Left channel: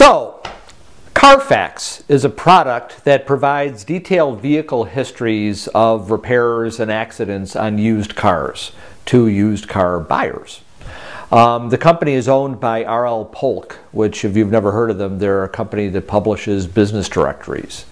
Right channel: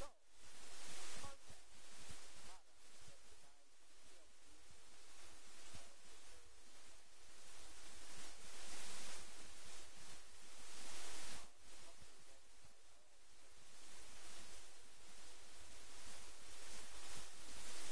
So, CarFax is a product that provides detailed vehicle histories of repairs and accidents on used cars to used car buyers. The company is owned by R.L. Polk, which, if you've never heard of them, they're a company that publishes business directories.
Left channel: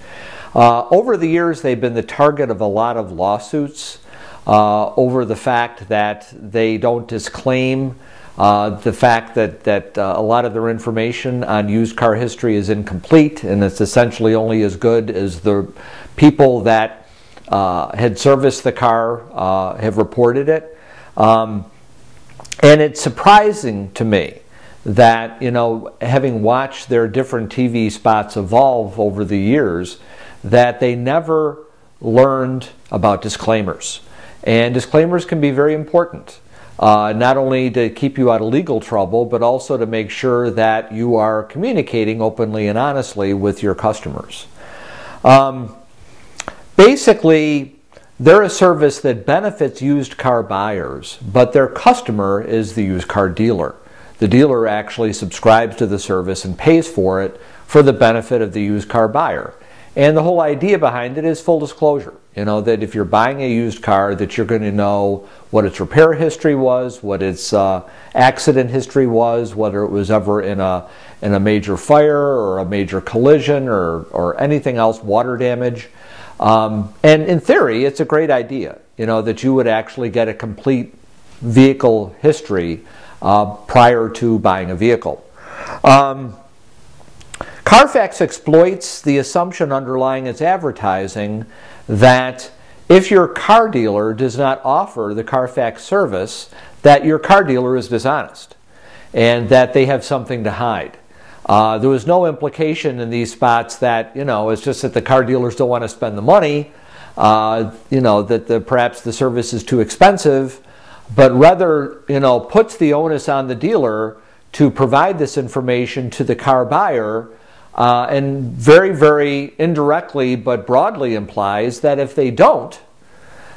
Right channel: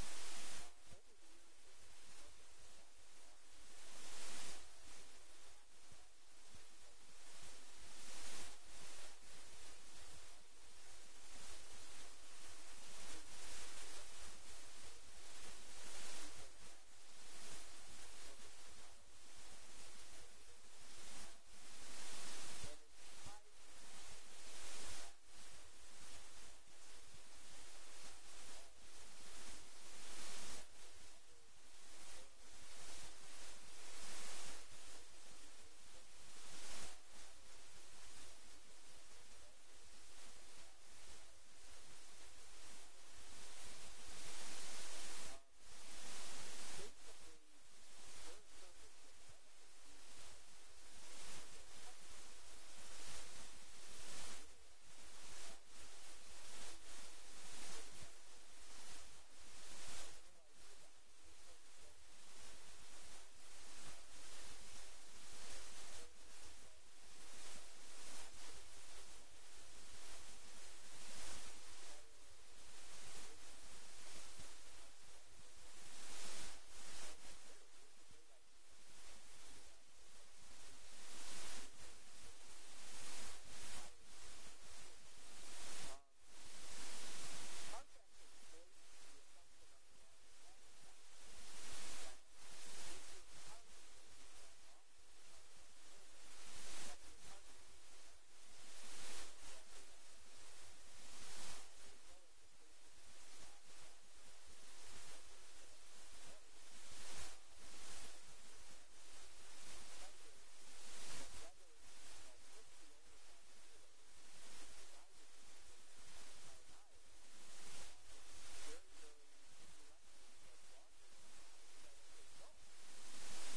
Over the years, they've been the target of a lot of lawsuits over the fact that they don't disclaim the fact that a lot of their information on used car history is incomplete, and it's essentially only as good as the people that had serviced the car have reported it. And it's surprising to me that, having watched their different TV spots evolve over the years, that they never learned about disclaimers. And disclaimers can be very important, not only to keep you out of legal trouble, but also to make sure that you are communicating openly and honestly with your customers. Basically, they're a service that benefits used car buyers, but their customer is the used car dealer. The dealer actually subscribes to the service and pays for it for the benefit of the used car buyer. And the whole idea behind it is full disclosure. That if you're buying a used car, that you're going to know what its repair history was, what its accident history was, whether it was ever in a major fire or a major collision or anything else, water damage. And in theory, it's a great idea, that you would actually get a complete vehicle history prior to buying a vehicle. CarFax exploits the assumption underlying its advertising that if your car dealer does not offer the CarFax service, that your car dealer is dishonest and that they have something to hide. There was no implication in these spots that, it's just that the car dealers don't want to spend the money, that perhaps the service is too expensive, but rather, puts the onus on the dealer to provide this information to the car buyer, and very, very indirectly but broadly implies that if they don't,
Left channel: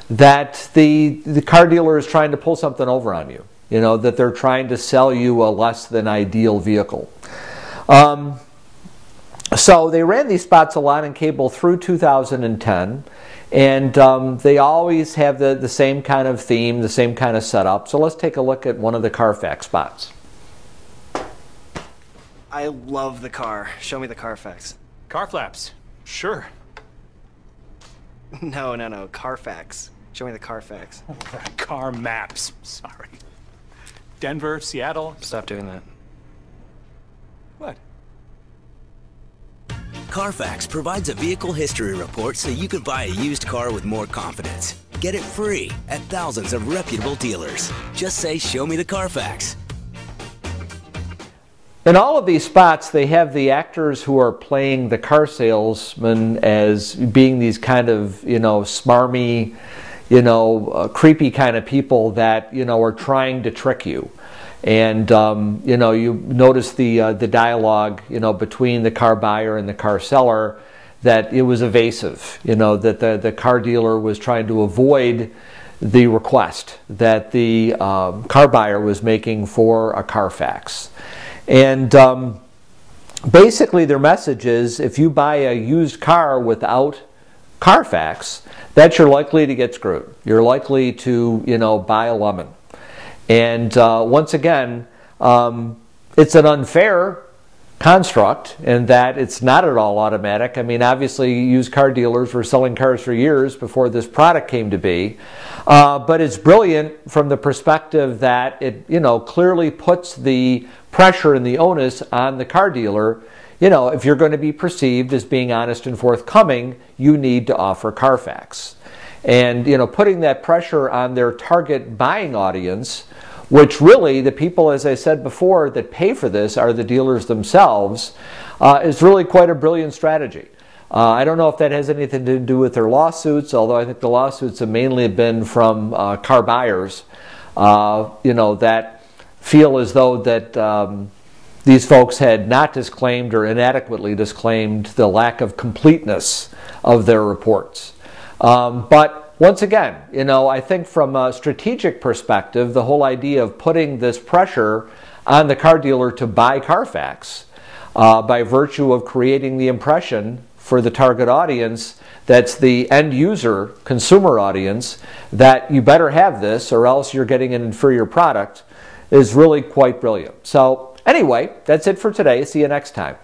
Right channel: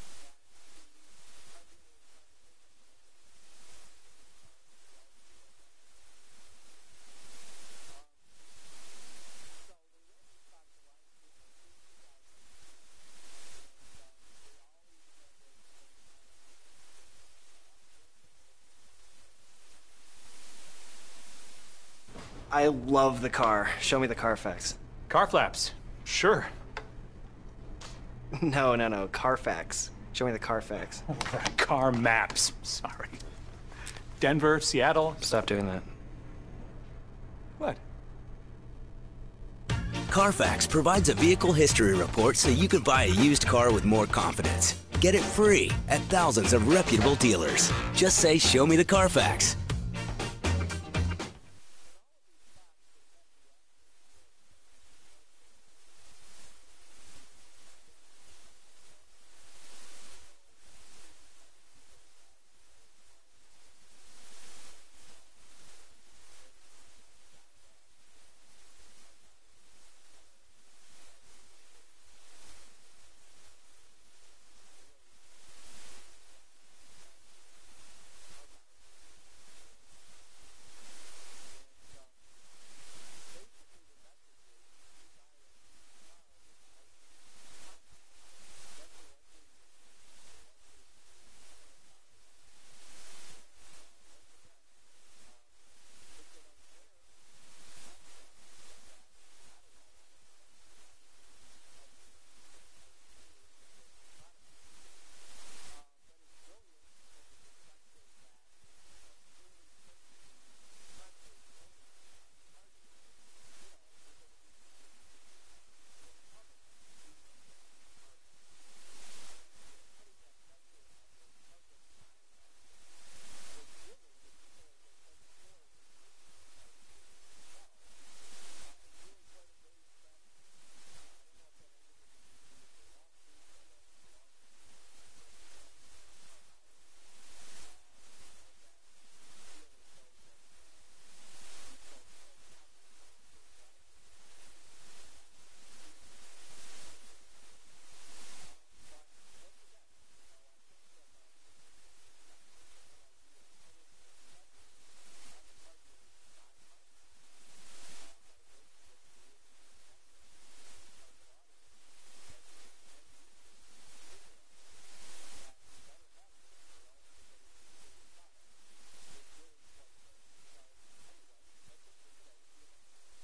that the car dealer is trying to pull something over on you, that they're trying to sell you a less than ideal vehicle. So they ran these spots a lot in cable through 2010, and they always have the same kind of theme, the same kind of setup. So let's take a look at one of the CarFax spots. I love the car. Show me the CarFax. Car flaps. Sure. No, CarFax. Show me the CarFax. Car maps. Sorry. Denver, Seattle. Stop doing that. What? CarFax provides a vehicle history report so you can buy a used car with more confidence. Get it free at thousands of reputable dealers. Just say, "Show me the CarFax." In all of these spots, they have the actors who are playing the car salesman as being these kind of, smarmy, creepy kind of people that, are trying to trick you. And, you notice the dialogue, between the car buyer and the car seller, that it was evasive, that the car dealer was trying to avoid the request that the car buyer was making for a CarFax. And basically their message is, if you buy a used car without CarFax, that you're likely to get screwed. You're likely to, buy a lemon. And once again, it's an unfair construct in that it's not at all automatic. I mean, obviously, used car dealers were selling cars for years before this product came to be. But it's brilliant from the perspective that it, clearly puts the pressure and the onus on the car dealer. If you're going to be perceived as being honest and forthcoming, you need to offer CarFax. And, putting that pressure on their target buying audience, which really the people, as I said before, that pay for this are the dealers themselves, is really quite a brilliant strategy. I don't know if that has anything to do with their lawsuits, although I think the lawsuits have mainly been from car buyers, that feel as though that these folks had not disclaimed or inadequately disclaimed the lack of completeness of their reports. But once again, I think from a strategic perspective, the whole idea of putting this pressure on the car dealer to buy CarFax by virtue of creating the impression for the target audience that's the end user, consumer audience, that you better have this or else you're getting an inferior product, is really quite brilliant. So anyway, that's it for today. See you next time.